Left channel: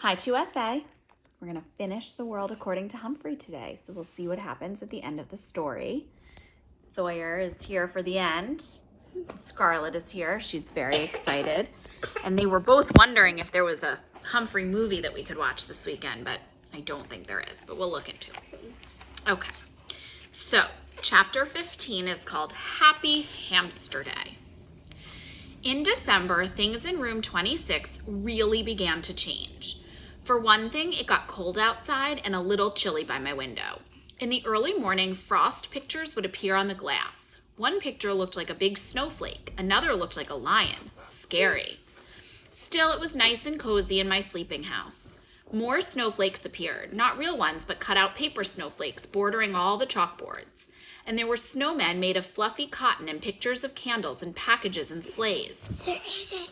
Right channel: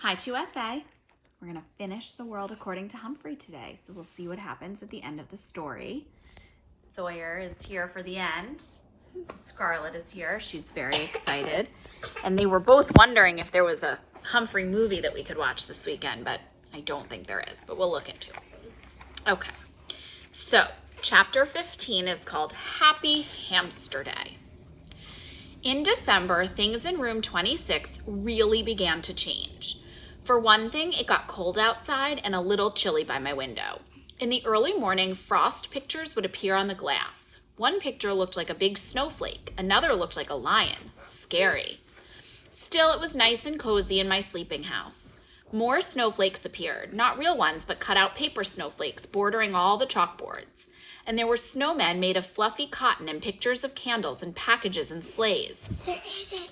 Hi to USA. We're going to finish The World According to Humphrey today, so we'll see what happens at the end of the story. Sawyer is here for the end. Scarlett is here. She's very excited. And they were both wondering if there was a Humphrey movie that we could watch this weekend, but I don't think there is, but we'll look into it. Okay, so chapter 15 is called Happy Hamster Day. In December, things in room 26 really began to change. For one thing, it got cold outside and a little chilly by my window. In the early morning, frost pictures would appear on the glass. One picture looked like a big snowflake. Another looked like a lion. Scary. Still, it was nice and cozy in my sleeping house. More snowflakes appeared, not real ones, but cut-out paper snowflakes bordering all the chalkboards. And there were snowmen made of fluffy cotton and pictures of candles and packages and sleighs.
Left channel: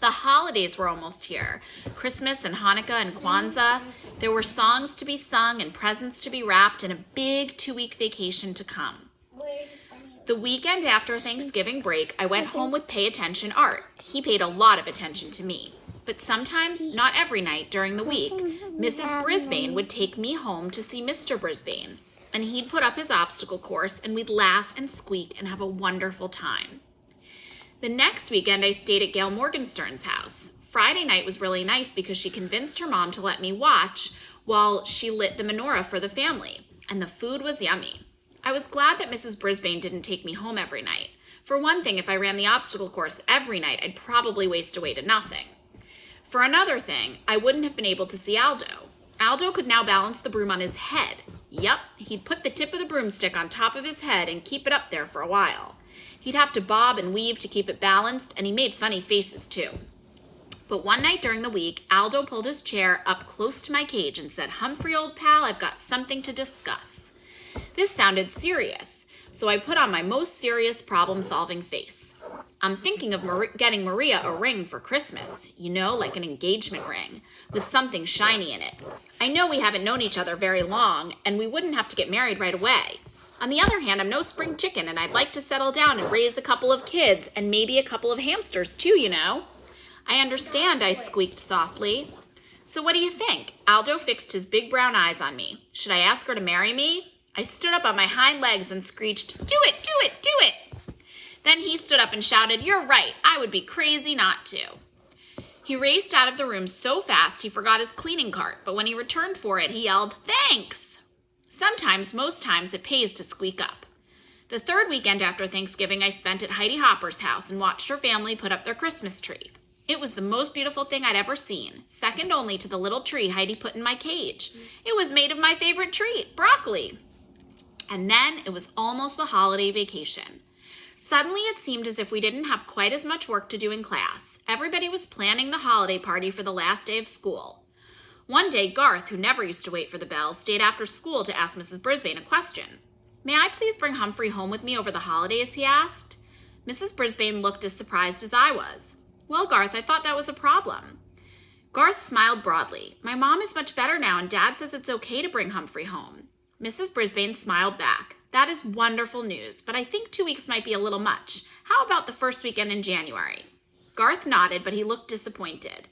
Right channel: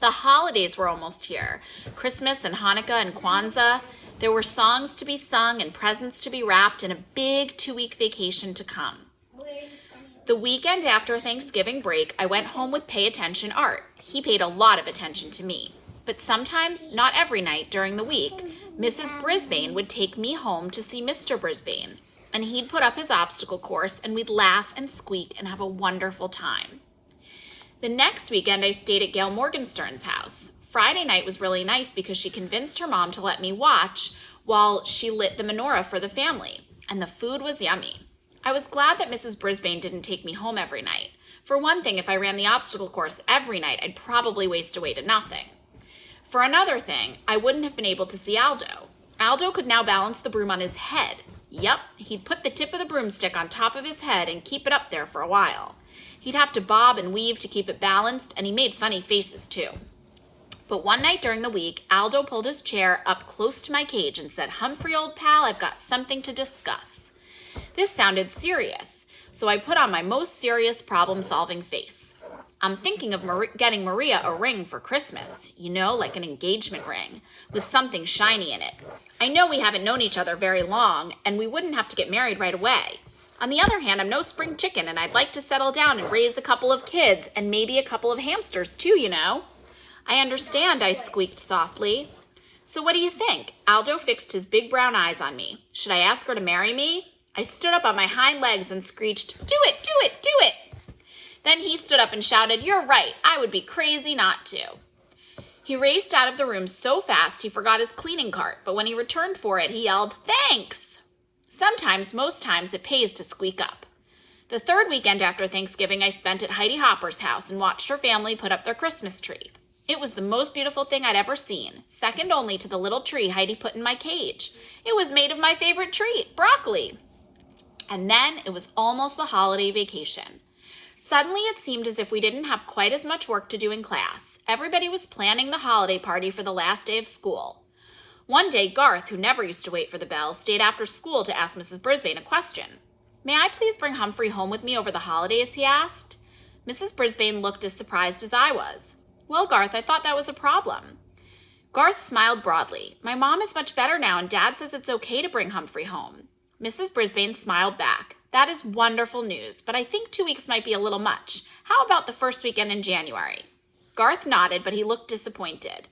The holidays were almost here. Christmas and Hanukkah and Kwanzaa. There were songs to be sung and presents to be wrapped and a big 2-week vacation to come. The weekend after Thanksgiving break, I went home with Pay Attention Art. He paid a lot of attention to me. But sometimes, not every night during the week, Mrs. Brisbane would take me home to see Mr. Brisbane. And he'd put up his obstacle course and we'd laugh and squeak and have a wonderful time. The next weekend, I stayed at Gail Morgenstern's house. Friday night was really nice because she convinced her mom to let me watch while she lit the menorah for the family. And the food was yummy. I was glad that Mrs. Brisbane didn't take me home every night. For one thing, if I ran the obstacle course every night, I'd probably waste away to nothing. For another thing, I wouldn't have been able to see Aldo. Aldo could now balance the broom on his head. Yep, he'd put the tip of the broomstick on top of his head and keep it up there for a while. He'd have to bob and weave to keep it balanced, and he made funny faces too. But one night during the week, Aldo pulled his chair up close to my cage and said, "Humphrey, old pal, I've got something to discuss." This sounded serious, so I put on my most serious problem-solving face. I'm thinking of getting Maria a ring for Christmas, you know, like an engagement ring, with something shiny in it. I know we haven't known each other very long, and we wouldn't have to get married right away. On the other hand, I'm no spring chicken, and I'd like to settle down and raise a couple of kids, and maybe a couple of hamsters too, you know. I understand, I squeaked softly. So what do you think? Aldo fixed his big brown eyes on me. Should I ask her to marry me? I stood up on my hind legs and screeched, "Do it, do it, do it!" Then he stood up and shouted, "You're right, I would be crazy not to." He raced out of the room so fast he forgot his cleaning cart, but when he returned for it, he yelled, "Thanks!" Sometimes, most times, it pays to squeak up. The third weekend after Thanksgiving, I spent at Heidi Hopper's house and watched her family put up their Christmas tree. It was the most beautiful thing I'd ever seen, second only to the little tree Heidi put in my cage. It was made of my favorite treat, broccoli. And then it was almost the holiday vacation. Suddenly, it seemed as if we didn't have quite as much work to do in class. Everybody was planning the holiday party for the last day of school. One day, Garth, who never used to wait for the bell, stayed after school to ask Mrs. Brisbane a question. "May I please bring Humphrey home with me over the holidays?" he asked. Mrs. Brisbane looked as surprised as I was. "Well, Garth, I thought that was a problem." Garth smiled broadly. "My mom is much better now, and Dad says it's okay to bring Humphrey home." Mrs. Brisbane smiled back. "That is wonderful news, but I think 2 weeks might be a little much. How about the first weekend in January?" Garth nodded, but he looked disappointed.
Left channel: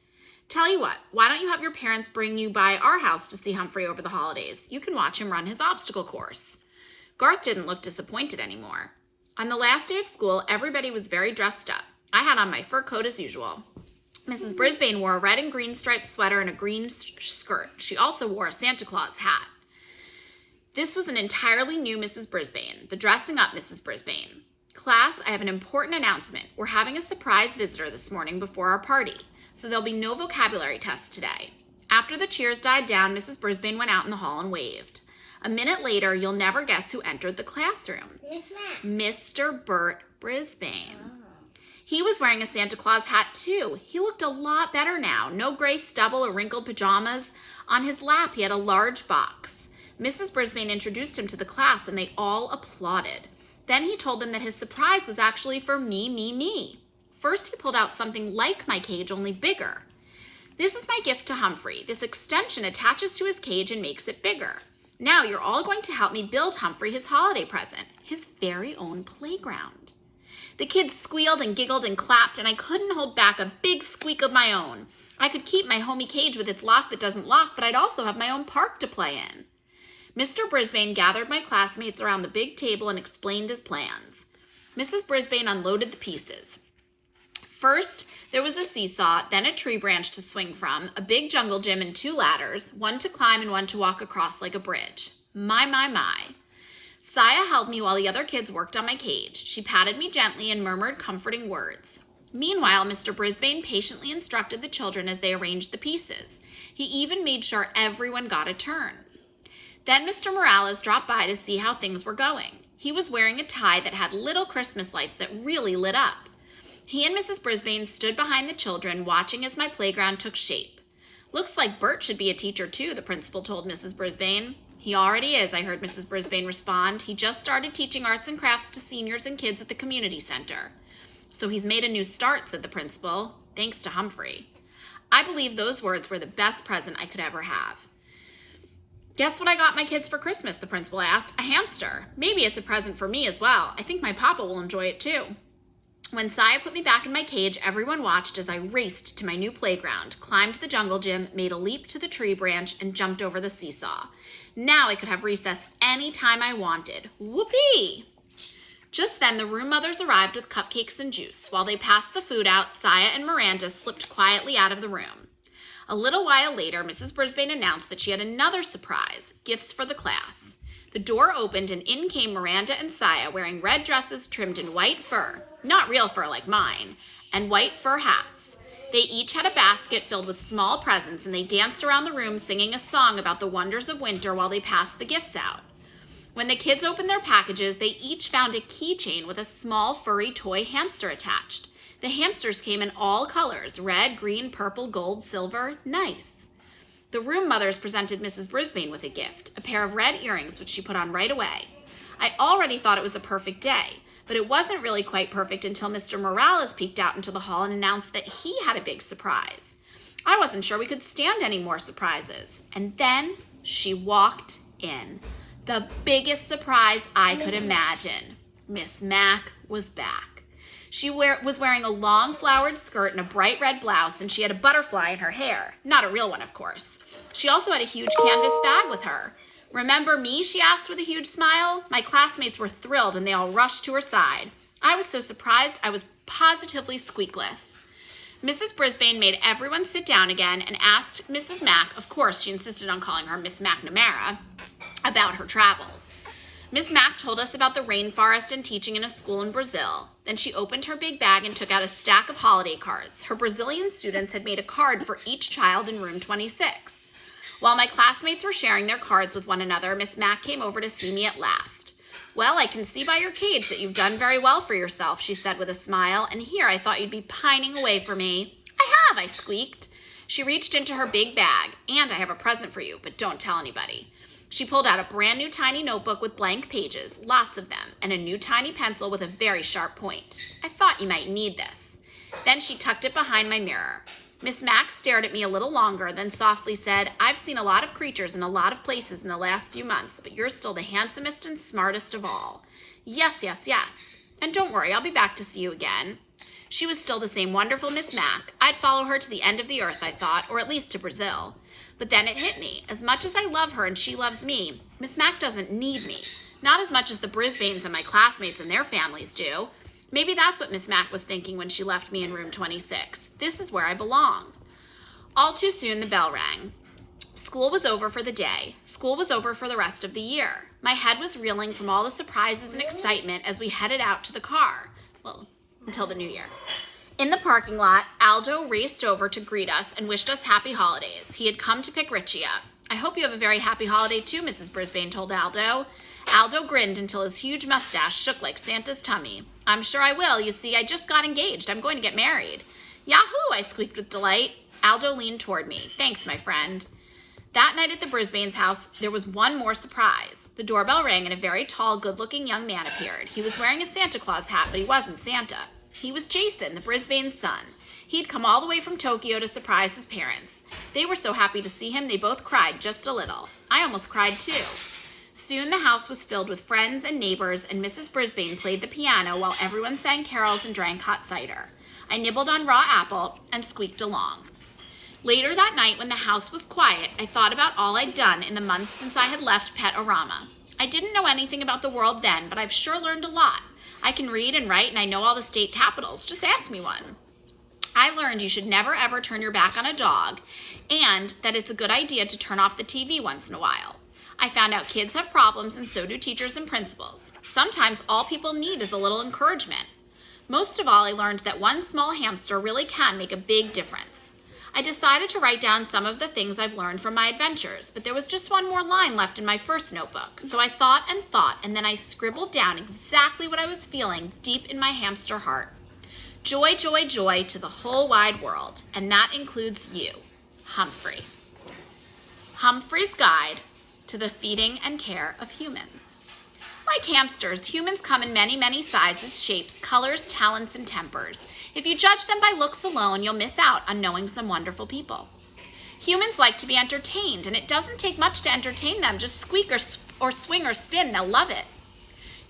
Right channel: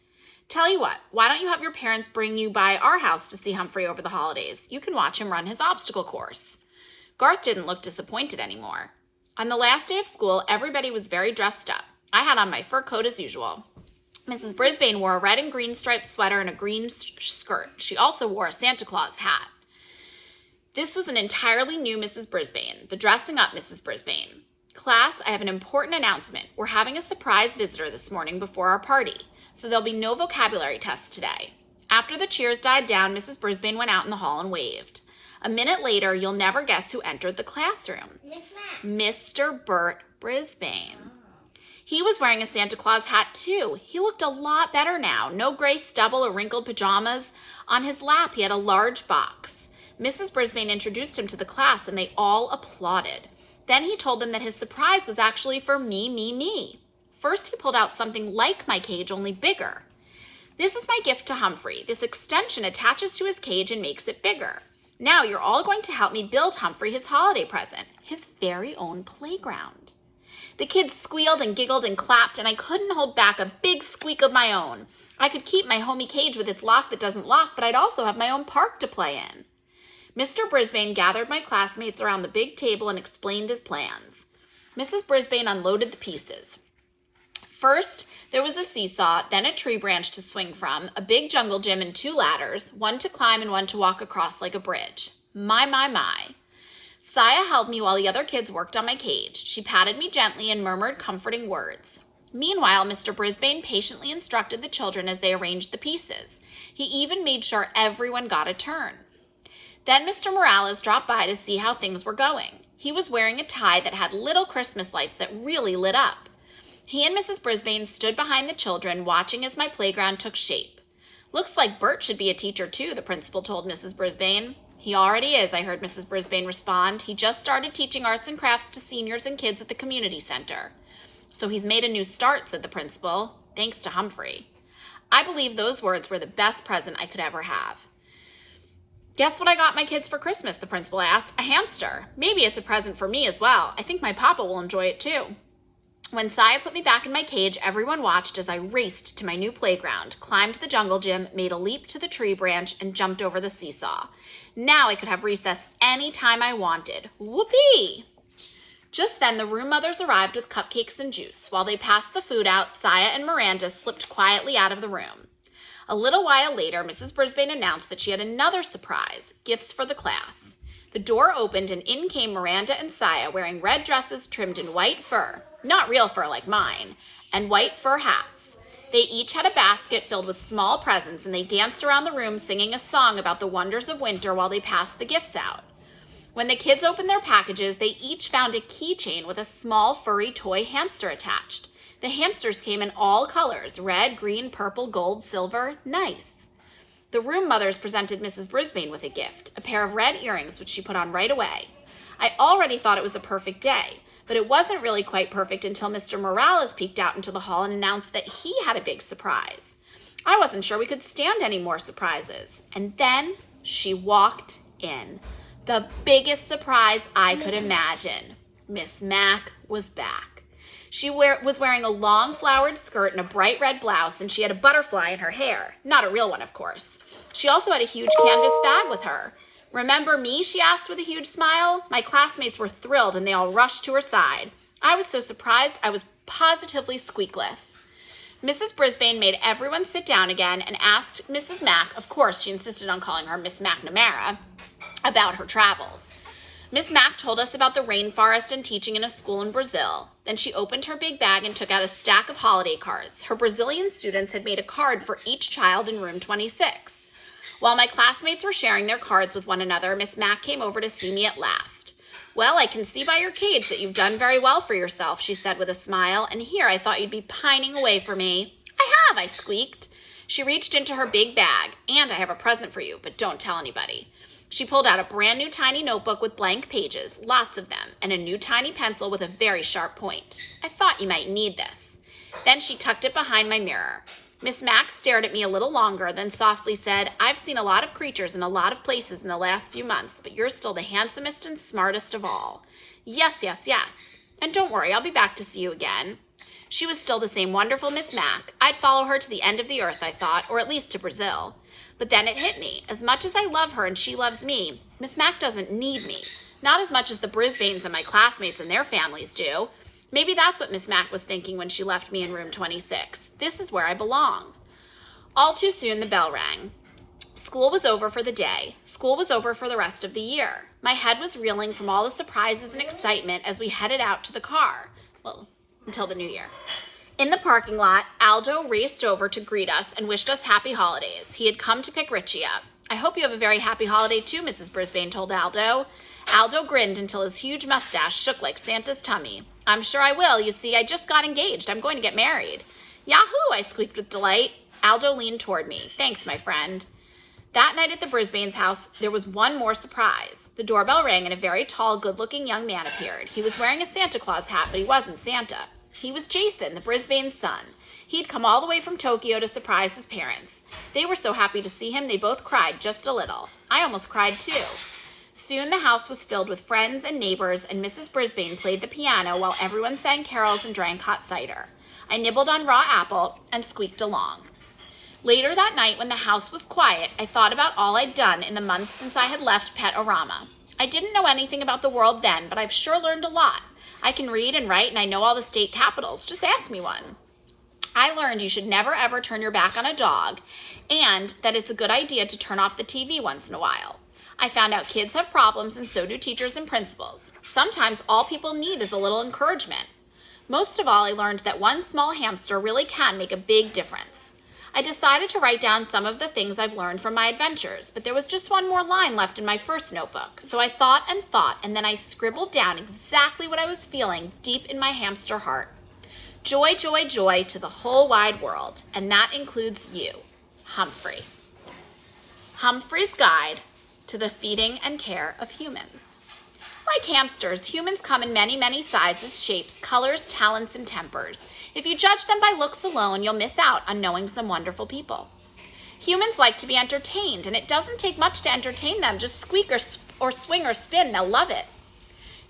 "Tell you what, why don't you have your parents bring you by our house to see Humphrey over the holidays? You can watch him run his obstacle course." Garth didn't look disappointed anymore. On the last day of school, everybody was very dressed up. I had on my fur coat as usual. Mrs. Brisbane wore a red and green striped sweater and a green skirt. She also wore a Santa Claus hat. This was an entirely new Mrs. Brisbane, the dressing up Mrs. Brisbane. "Class, I have an important announcement. We're having a surprise visitor this morning before our party, so there'll be no vocabulary tests today." After the cheers died down, Mrs. Brisbane went out in the hall and waved. A minute later, you'll never guess who entered the classroom. Mr. Bert Brisbane. He was wearing a Santa Claus hat too. He looked a lot better now. No gray stubble or wrinkled pajamas. On his lap, he had a large box. Mrs. Brisbane introduced him to the class and they all applauded. Then he told them that his surprise was actually for me. First, he pulled out something like my cage, only bigger. "This is my gift to Humphrey. This extension attaches to his cage and makes it bigger. Now you're all going to help me build Humphrey his holiday present, his very own playground." The kids squealed and giggled and clapped, and I couldn't hold back a big squeak of my own. I could keep my homey cage with its lock that doesn't lock, but I'd also have my own park to play in. Mr. Brisbane gathered my classmates around the big table and explained his plans. Mrs. Brisbane unloaded the pieces. First, there was a seesaw, then a tree branch to swing from, a big jungle gym and 2 ladders, one to climb and one to walk across like a bridge. My. Saya held me while the other kids worked on my cage. She patted me gently and murmured comforting words. Meanwhile, Mr. Brisbane patiently instructed the children as they arranged the pieces. He even made sure everyone got a turn. Then Mr. Morales dropped by to see how things were going. He was wearing a tie that had little Christmas lights that really lit up. He and Mrs. Brisbane stood behind the children, watching as my playground took shape. Looks like Bert should be a teacher too, the principal told Mrs. Brisbane. He already is, I heard Mrs. Brisbane respond. He just started teaching arts and crafts to seniors and kids at the community center. So he's made a new start, said the principal, thanks to Humphrey. I believe those words were the best present I could ever have. Guess what I got my kids for Christmas, the principal asked. A hamster. Maybe it's a present for me as well. I think my papa will enjoy it too. When Saya put me back in my cage, everyone watched as I raced to my new playground, climbed the jungle gym, made a leap to the tree branch, and jumped over the seesaw. Now I could have recess any time I wanted. Whoopee! Just then, the room mothers arrived with cupcakes and juice. While they passed the food out, Saya and Miranda slipped quietly out of the room. A little while later, Mrs. Brisbane announced that she had another surprise, gifts for the class. The door opened and in came Miranda and Saya wearing red dresses trimmed in white fur, not real fur like mine, and white fur hats. They each had a basket filled with small presents and they danced around the room singing a song about the wonders of winter while they passed the gifts out. When the kids opened their packages, they each found a keychain with a small furry toy hamster attached. The hamsters came in all colors, red, green, purple, gold, silver, nice. The room mothers presented Mrs. Brisbane with a gift, a pair of red earrings, which she put on right away. I already thought it was a perfect day, but it wasn't really quite perfect until Mr. Morales peeked out into the hall and announced that he had a big surprise. I wasn't sure we could stand any more surprises. And then she walked in. The biggest surprise I could imagine. Miss Mac was back. She was wearing a long flowered skirt and a bright red blouse, and she had a butterfly in her hair. Not a real one, of course. She also had a huge canvas bag with her. Remember me, she asked with a huge smile. My classmates were thrilled, and they all rushed to her side. I was so surprised, I was positively squeakless. Mrs. Brisbane made everyone sit down again and asked Mrs. Mac, of course she insisted on calling her Miss McNamara, about her travels. Miss Mac told us about the rainforest and teaching in a school in Brazil. Then she opened her big bag and took out a stack of holiday cards. Her Brazilian students had made a card for each child in room 26. While my classmates were sharing their cards with one another, Miss Mac came over to see me at last. Well, I can see by your cage that you've done very well for yourself, she said with a smile, and here I thought you'd be pining away for me. I have, I squeaked. She reached into her big bag, and I have a present for you, but don't tell anybody. She pulled out a brand new tiny notebook with blank pages, lots of them, and a new tiny pencil with a very sharp point. I thought you might need this. Then she tucked it behind my mirror. Miss Mac stared at me a little longer, then softly said, I've seen a lot of creatures in a lot of places in the last few months, but you're still the handsomest and smartest of all. Yes. And don't worry, I'll be back to see you again. She was still the same wonderful Miss Mac. I'd follow her to the end of the earth, I thought, or at least to Brazil. But then it hit me. As much as I love her and she loves me, Miss Mac doesn't need me. Not as much as the Brisbanes and my classmates and their families do. Maybe that's what Miss Mac was thinking when she left me in room 26. This is where I belong. All too soon, the bell rang. School was over for the day. School was over for the rest of the year. My head was reeling from all the surprises and excitement as we headed out to the car. Well, until the new year. In the parking lot, Aldo raced over to greet us and wished us happy holidays. He had come to pick Richie up. I hope you have a very happy holiday too, Mrs. Brisbane told Aldo. Aldo grinned until his huge mustache shook like Santa's tummy. I'm sure I will. You see, I just got engaged. I'm going to get married. Yahoo! I squeaked with delight. Aldo leaned toward me. Thanks, my friend. That night at the Brisbane's house, there was one more surprise. The doorbell rang and a very tall, good-looking young man appeared. He was wearing a Santa Claus hat, but he wasn't Santa. He was Jason, the Brisbane's son. He'd come all the way from Tokyo to surprise his parents. They were so happy to see him, they both cried just a little. I almost cried too. Soon the house was filled with friends and neighbors, and Mrs. Brisbane played the piano while everyone sang carols and drank hot cider. I nibbled on raw apple and squeaked along. Later that night, when the house was quiet, I thought about all I'd done in the months since I had left Pet-O-Rama. I didn't know anything about the world then, but I've sure learned a lot. I can read and write, and I know all the state capitals. Just ask me one. I learned you should never ever turn your back on a dog, and that it's a good idea to turn off the TV once in a while. I found out kids have problems, and so do teachers and principals. Sometimes all people need is a little encouragement. Most of all, I learned that one small hamster really can make a big difference. I decided to write down some of the things I've learned from my adventures, but there was just one more line left in my first notebook. So I thought, and then I scribbled down exactly what I was feeling deep in my hamster heart. Joy, joy, joy to the whole wide world, and that includes you, Humphrey. Humphrey's Guide to the Feeding and Care of Humans. Like hamsters, humans come in many, many sizes, shapes, colors, talents, and tempers. If you judge them by looks alone, you'll miss out on knowing some wonderful people. Humans like to be entertained, and it doesn't take much to entertain them. Just squeak or swing or spin, they'll love it.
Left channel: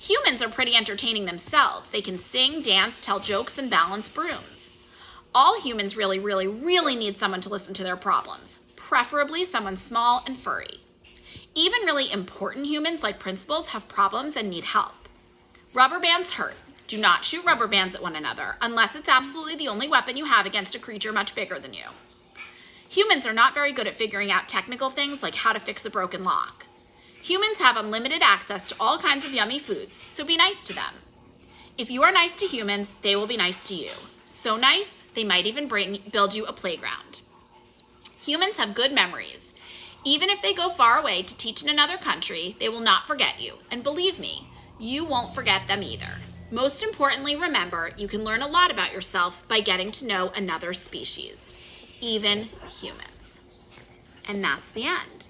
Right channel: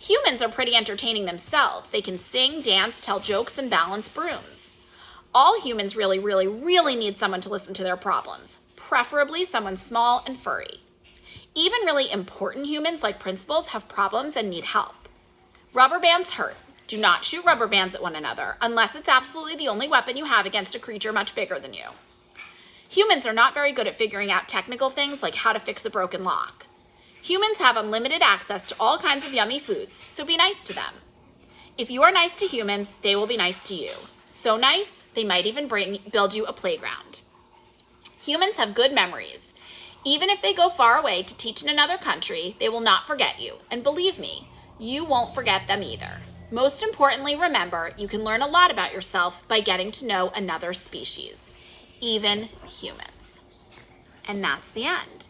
Humans are pretty entertaining themselves. They can sing, dance, tell jokes, and balance brooms. All humans really, really, really need someone to listen to their problems, preferably someone small and furry. Even really important humans like principals have problems and need help. Rubber bands hurt. Do not shoot rubber bands at one another unless it's absolutely the only weapon you have against a creature much bigger than you. Humans are not very good at figuring out technical things like how to fix a broken lock. Humans have unlimited access to all kinds of yummy foods, so be nice to them. If you are nice to humans, they will be nice to you. So nice, they might even build you a playground. Humans have good memories. Even if they go far away to teach in another country, they will not forget you. And believe me, you won't forget them either. Most importantly, remember, you can learn a lot about yourself by getting to know another species, even humans. And that's the end.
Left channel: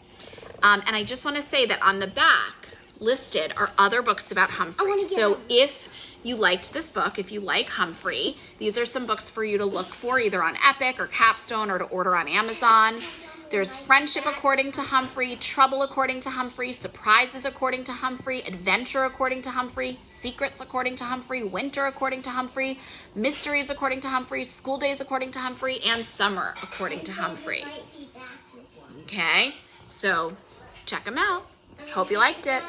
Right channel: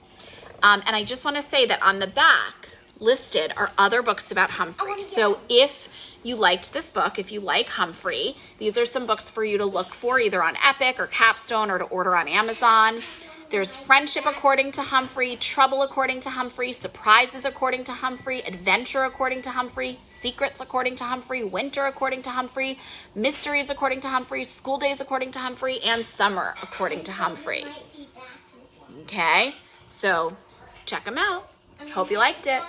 And I just want to say that on the back listed are other books about Humphrey. So if you liked this book, if you like Humphrey, these are some books for you to look for either on Epic or Capstone or to order on Amazon. There's Friendship According to Humphrey, Trouble According to Humphrey, Surprises According to Humphrey, Adventure According to Humphrey, Secrets According to Humphrey, Winter According to Humphrey, Mysteries According to Humphrey, School Days According to Humphrey, and Summer According to Humphrey. Okay, so check them out. Hope you liked it.